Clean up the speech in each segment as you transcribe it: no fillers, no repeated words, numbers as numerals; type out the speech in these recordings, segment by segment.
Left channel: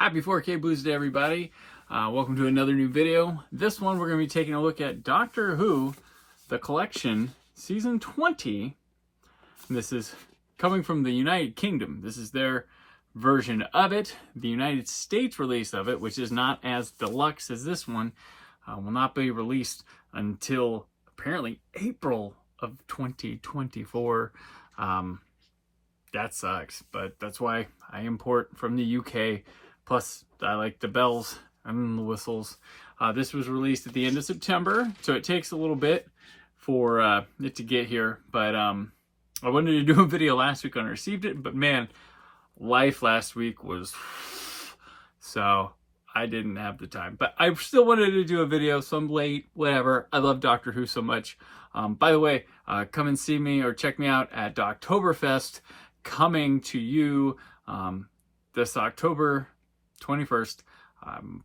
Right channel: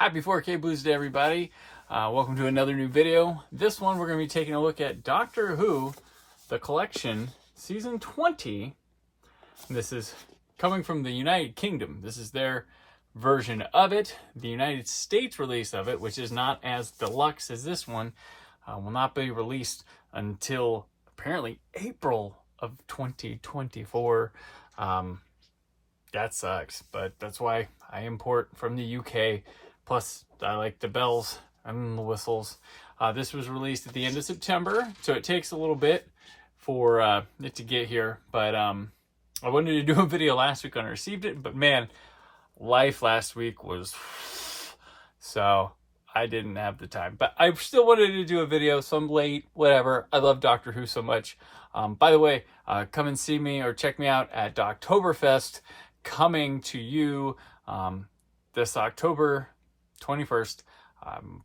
Happy 4K Blues Day, everybody. Welcome to another new video. This one, we're going to be taking a look at Doctor Who, The Collection, Season 20. This is coming from the United Kingdom. This is their version of it. The United States release of it, which is not as deluxe as this one, will not be released until apparently April of 2024. That sucks, but that's why I import from the UK. Plus, I like the bells and the whistles. This was released at the end of September, so it takes a little bit for it to get here. But I wanted to do a video last week when I received it, but man, life last week was... so I didn't have the time. But I still wanted to do a video, so I'm late, whatever. I love Doctor Who so much. By the way, come and see me or check me out at Oktoberfest, coming to you this October 21st,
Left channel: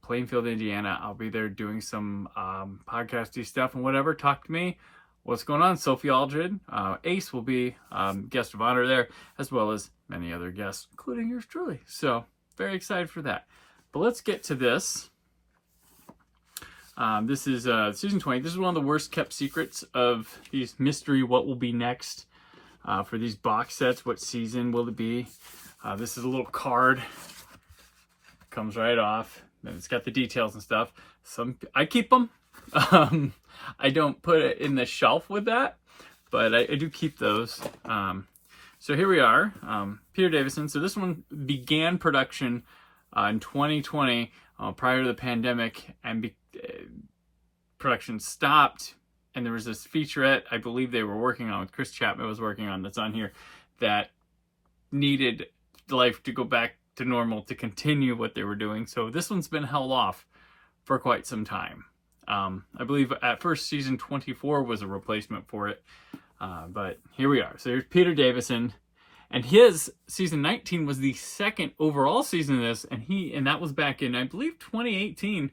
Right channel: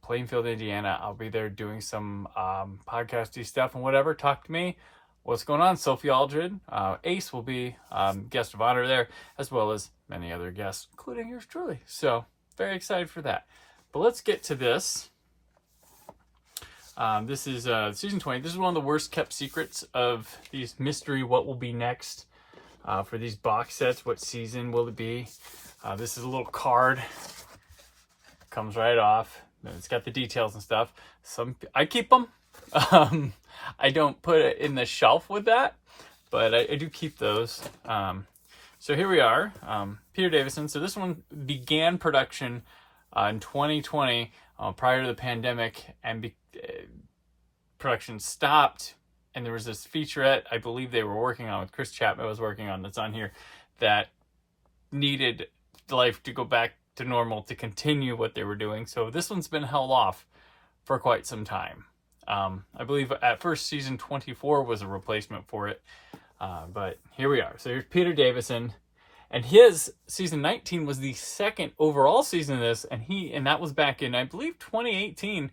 Plainfield, Indiana. I'll be there doing some podcasty stuff and whatever. Talk to me. What's going on? Sophie Aldred, Ace will be guest of honor there, as well as many other guests, including yours truly. So very excited for that. But let's get to this. This is season 20. This is one of the worst kept secrets of these mystery what will be next for these box sets. What season will it be? This is a little card. Comes right off. And it's got the details and stuff. I keep them. I don't put it in the shelf with that, but I do keep those. So here we are. Peter Davison. So this one began production in 2020 prior to the pandemic, and production stopped. And there was this featurette I believe they were working on with Chris Chapman was working on that's on here that needed life to go back to normal to continue what they were doing. So this one's been held off for quite some time. I believe at first season 24 was a replacement for it. But here we are. So here's Peter Davison. And his season 19 was the second overall season of this. And that was back in, I believe, 2018.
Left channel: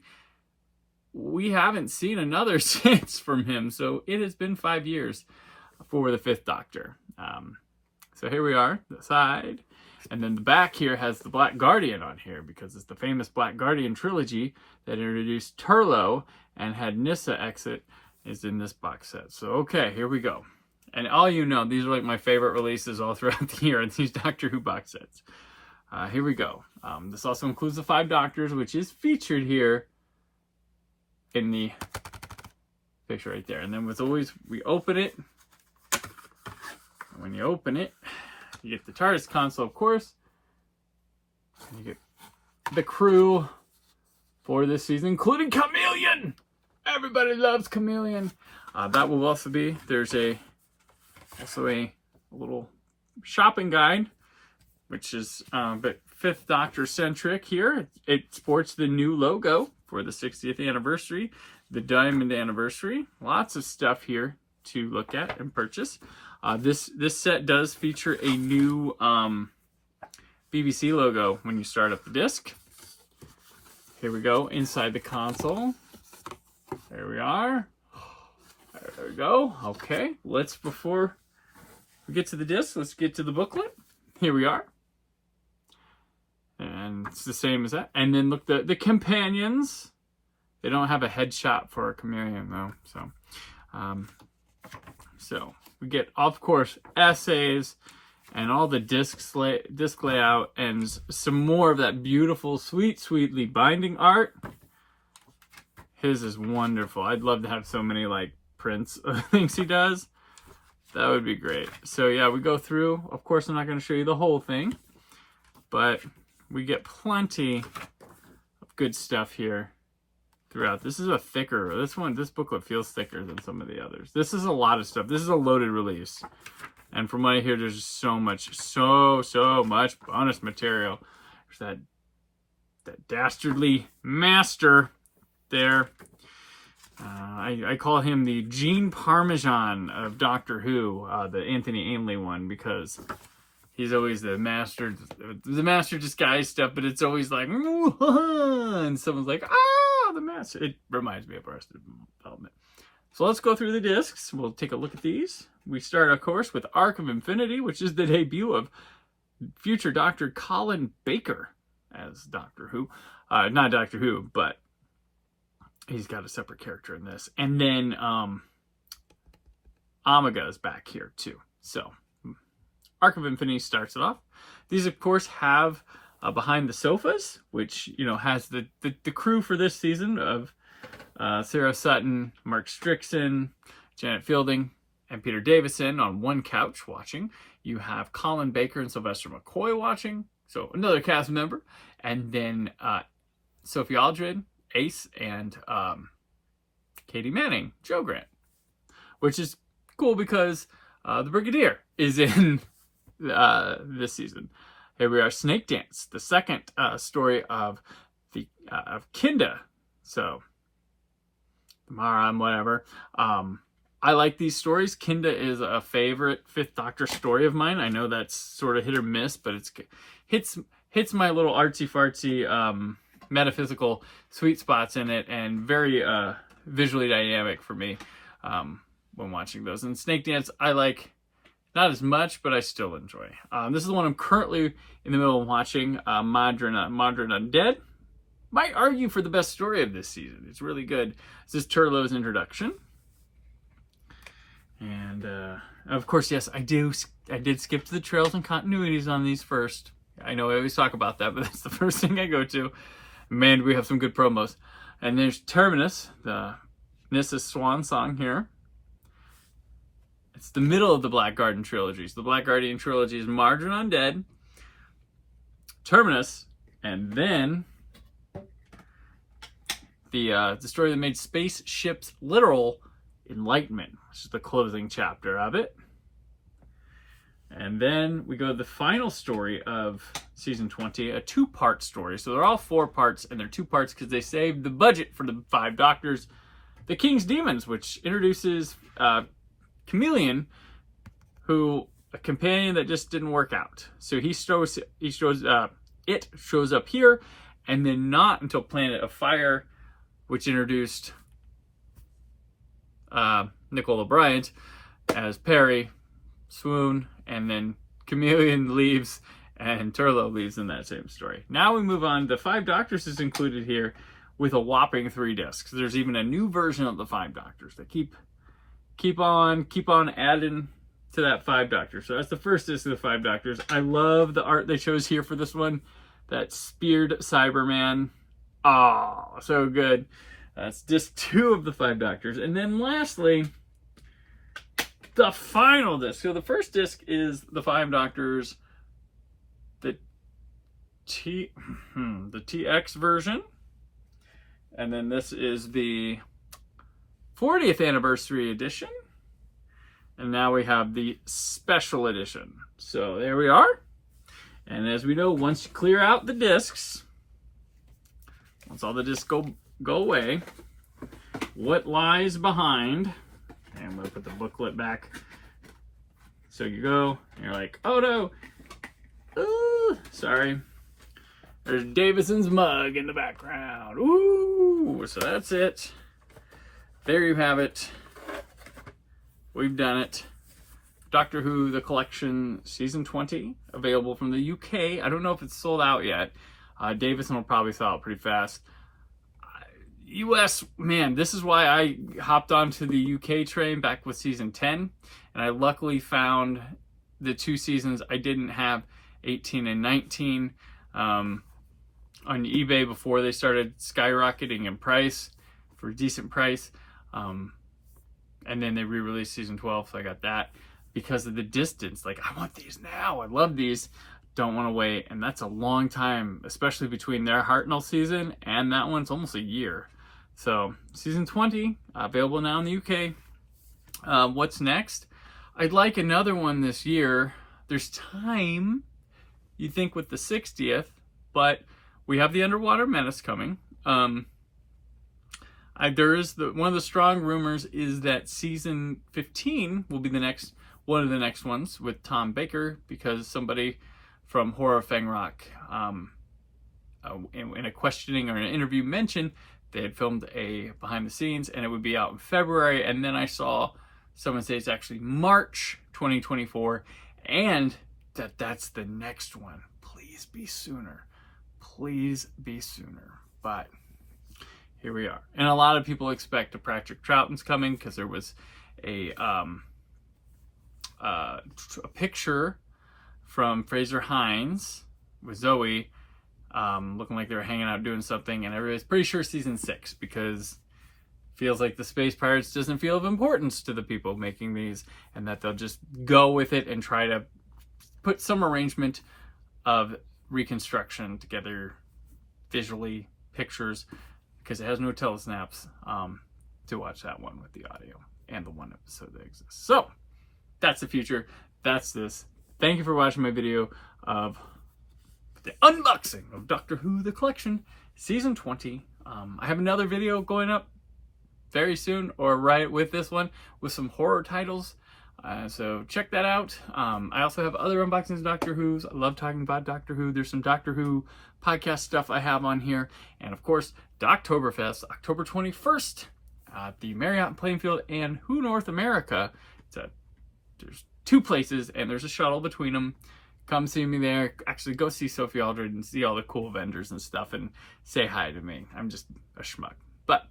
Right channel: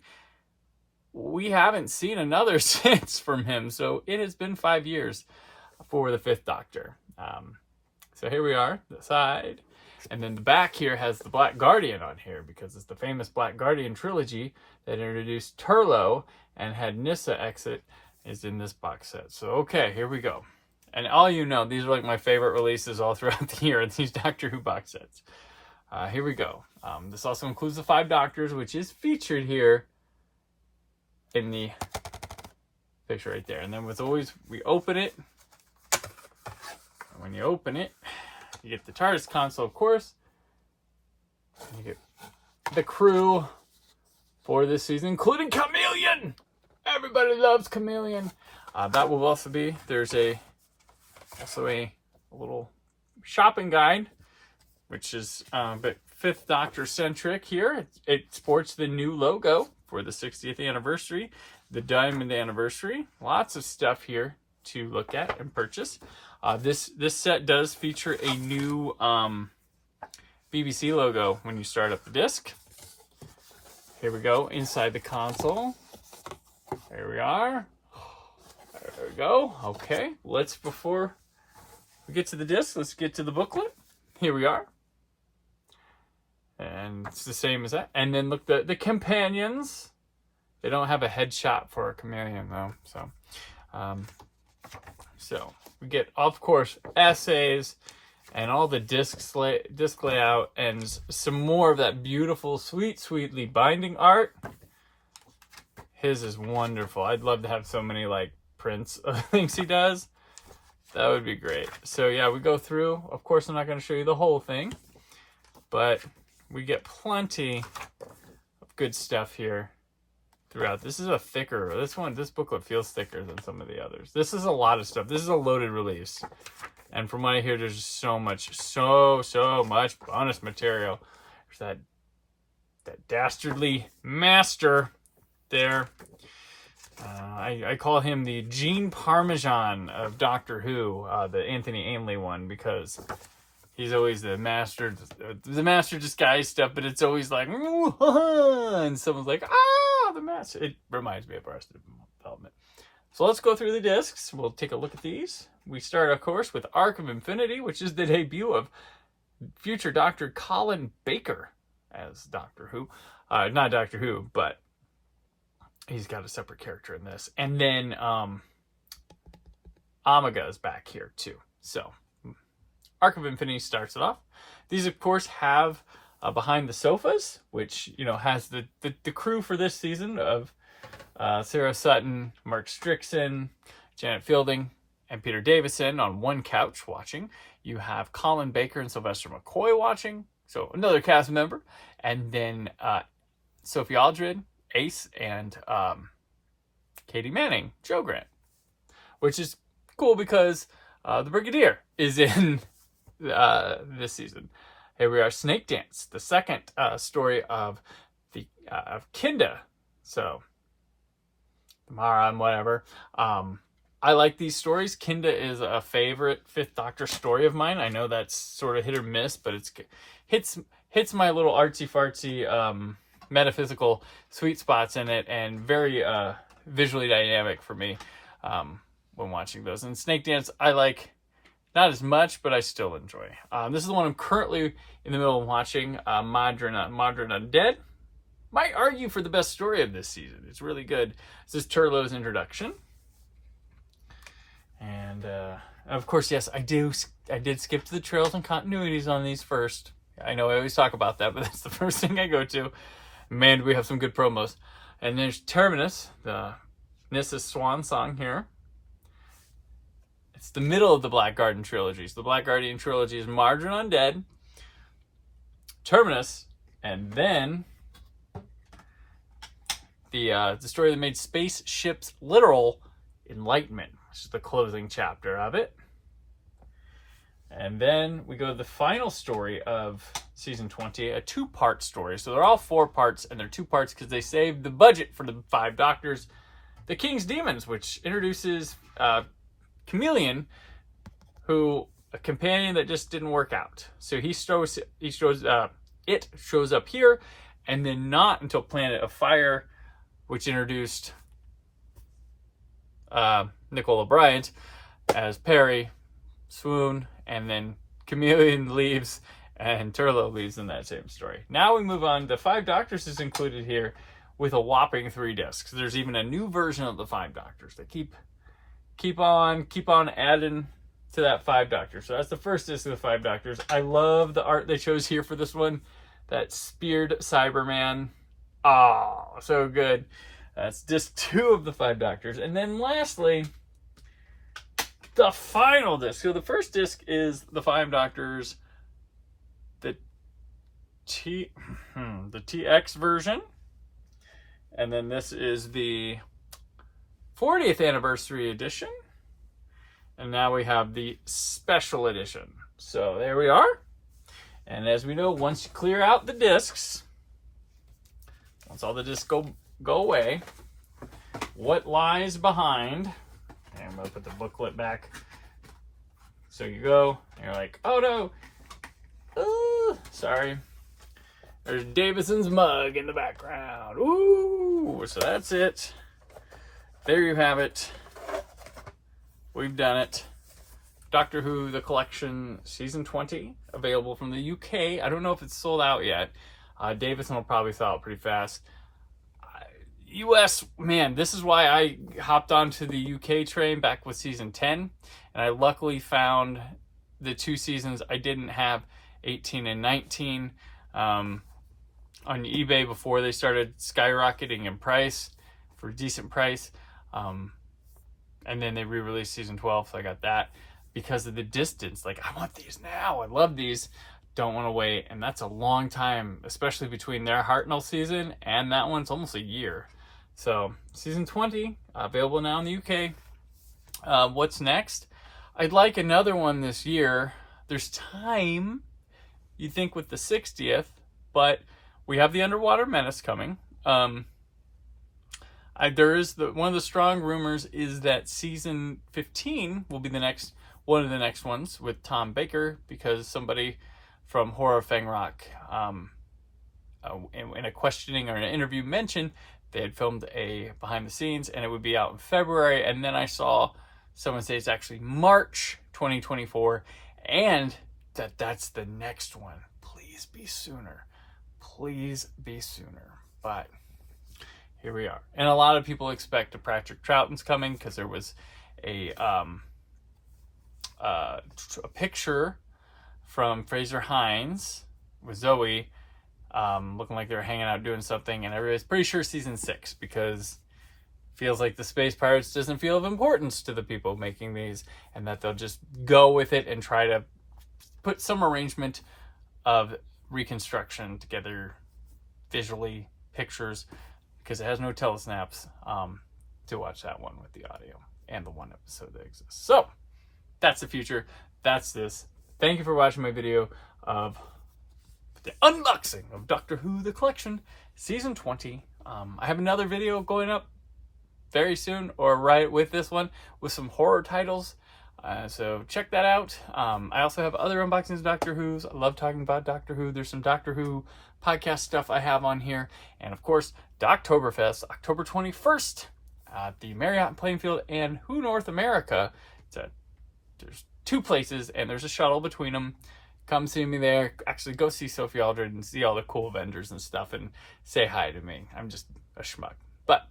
We haven't seen another since from him. So it has been 5 years for the Fifth Doctor. So here we are, the side. And then the back here has the Black Guardian on here because it's the famous Black Guardian trilogy that introduced Turlough and had Nyssa exit is in this box set. So, okay, here we go. And all you know, these are like my favorite releases all throughout the year, these Doctor Who box sets. Here we go. This also includes the 5 Doctors, which is featured here in the picture right there. And then with always, we open it. And when you open it, you get the TARDIS console, of course. And you get the crew for this season, including Chameleon. Everybody loves Chameleon. That will also be, there's also a little shopping guide, which is a bit Fifth Doctor centric here. It sports the new logo for the 60th anniversary, the Diamond anniversary. Lots of stuff here to look at and purchase. This set does feature a new BBC logo when you start up the disc. Here we go, inside the console. There we are. There we go. Okay, before we get to the disc, let's get to the booklet. Here we are. And it's the same as that. And then look, the companions. They don't have a headshot for a chameleon though. So we get, of course, essays and all the disc layout and some more of that beautiful, sweetly binding art. His is wonderful. I'd love to have so many like prints of things he does. That would be great. So yeah, we go through. Of course, I'm not going to show you the whole thing, but we get plenty of good stuff here throughout. This is a thicker, this booklet feels thicker than some of the others. This is a lot of stuff. This is a loaded release. And from what I hear, there's so much bonus material. There's that dastardly master there. I call him the Gene Parmesan of Doctor Who, the Anthony Ainley one, because he's always the master disguise stuff, but it's always like, and someone's like, the master. It reminds me of Arrested Development. So let's go through the discs. We'll take a look at these. We start, of course, with Arc of Infinity, which is the debut of future Dr. Colin Baker as Doctor Who. Not Doctor Who, but he's got a separate character in this. And then Omega is back here too. So Arc of Infinity starts it off. These, of course, have Behind the Sofas, which, you know, has the crew for this season of Sarah Sutton, Mark Strickson, Janet Fielding, and Peter Davison on one couch watching. You have Colin Baker and Sylvester McCoy watching, so another cast member. And then Sophie Aldred, Ace, and Katie Manning, Joe Grant, which is cool because the Brigadier is in this season. Here we are, Snakedance, the second story of Kinda. So, Mara, whatever. I like these stories. Kinda is a favorite Fifth Doctor story of mine. I know that's sort of hit or miss, but it's hits my little artsy-fartsy metaphysical sweet spots in it, and very visually dynamic for me when watching those. And Snakedance, I like not as much, but I still enjoy. This is the one I'm currently in the middle of watching, Mawdryn Undead. Might argue for the best story of this season. It's really good. This is Turlough's introduction. And of course, yes, I did skip to the trails and continuities on these first. I know I always talk about that, but that's the first thing I go to. Man, we have some good promos. And there's Terminus, the Nissa's swan song here. It's the middle of the Black Garden trilogy. So the Black Guardian trilogy is Mawdryn Undead, Terminus, and then the story that made spaceships literal, Enlightenment, which is the closing chapter of it. And then we go to the final story of season 20, a 2-part story. So they're all 4 parts, and they're 2 parts because they saved the budget for the 5 Doctors. The King's Demons, which introduces Chameleon, who a companion that just didn't work out. So it shows up here, and then not until Planet of Fire, which introduced Nicola Bryant as Perry, Swoon, and then Chameleon leaves and Turlough leaves in that same story. Now we move on. The 5 Doctors is included here with a whopping 3 discs. There's even a new version of the 5 Doctors that keep on adding to that 5 Doctors. So that's the first disc of the 5 Doctors. I love the art they chose here for this one. That speared Cyberman. Oh, so good. That's disc 2 of the 5 Doctors. And then lastly, the final disc. So the first disc is the 5 Doctors, the TX version. And then this is the 40th anniversary edition. And now we have the special edition. So there we are. And as we know, once you clear out the discs, once all the discs go away, what lies behind? And I'm going to put the booklet back. So you go, and you're like, oh no. Ooh, sorry. There's Davison's mug in the background. Ooh, so that's it. There you have it. We've done it. Doctor Who, The Collection, Season 20, available from the UK. I don't know if it's sold out yet. Davison will probably sell out pretty fast. US, man, this is why I hopped onto the UK train back with Season 10. And I luckily found the 2 seasons I didn't have, 18 and 19, on eBay before they started skyrocketing in price for a decent price. And then they re-released Season 12, so I got that. Because of the distance, like, I want these now. I love these. Don't want to wait. And that's a long time, especially between their Hartnell season and that one. It's almost a year. So, Season 20, available now in the UK. What's next? I'd like another one this year. There's time, you think, with the 60th, but we have the Underwater Menace coming. There is one of the strong rumors is that Season 15 will be one of the next ones with Tom Baker, because somebody from Horror of Fang Rock in a questioning or an interview mentioned they had filmed a behind the scenes and it would be out in February, and then I saw someone say it's actually March 2024 and that's the next one. Please be sooner. please be sooner. But here we are. And a lot of people expect a Patrick Troughton's coming because there was a picture from Fraser Hines with Zoe looking like they were hanging out doing something, and everybody's pretty sure season 6 because it feels like the Space Pirates doesn't feel of importance to the people making these, and that they'll just go with it and try to put some arrangement of reconstruction together visually, pictures, because it has no telesnaps to watch that one with the audio and the one episode that exists. So that's the future. That's this. Thank you for watching my video of the unboxing of Doctor Who The Collection Season 20. I have another video going up very soon, or right with this one, with some horror titles. So check that out. I also have other unboxings of Doctor Who's. I love talking about Doctor Who. There's some Doctor Who podcast stuff I have on here. And of course, Doctoberfest, October 21st at the Marriott in Plainfield and Who North America. There's 2 places and there's a shuttle between them. Come see me there. Actually, go see Sophie Aldred and see all the cool vendors and stuff and say hi to me. I'm just a schmuck. But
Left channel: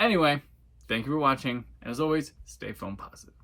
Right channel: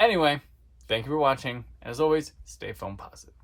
anyway, thank you for watching. As always, stay foam positive.